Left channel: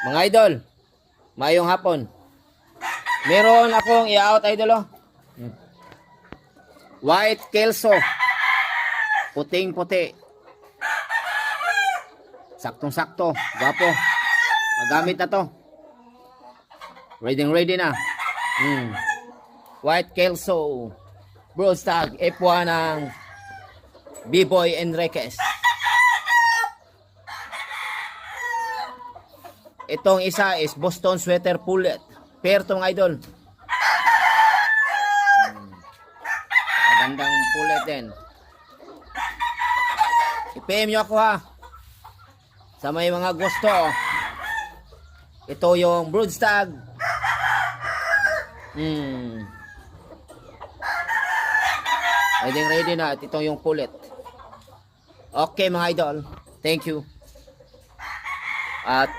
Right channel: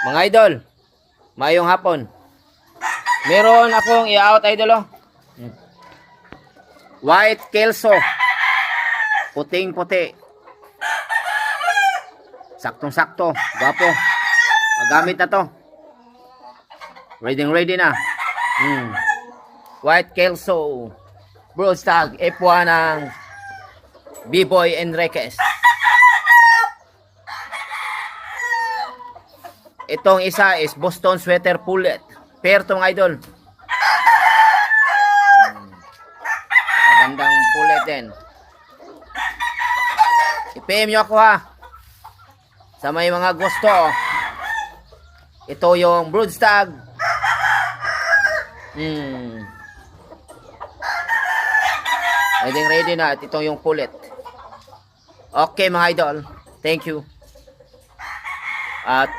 Mga idol, mayong hapon. Meron akong i-out idol oh. White Kelso. Puting-puti. Saktong-sakto, gwapo. Magamit na to. Ready na. White Kelso. Broadstag F1 ng B-Boy Enriquez. Itong isa is Boston Sweater Pullet. Pair to mga idol. Magandang pullet din. I-PM nyo ako ha. Sa may mga gusto. Ito yung broodstag. Ready na. At ito yung pullet. Okay mga idol. Thank you. At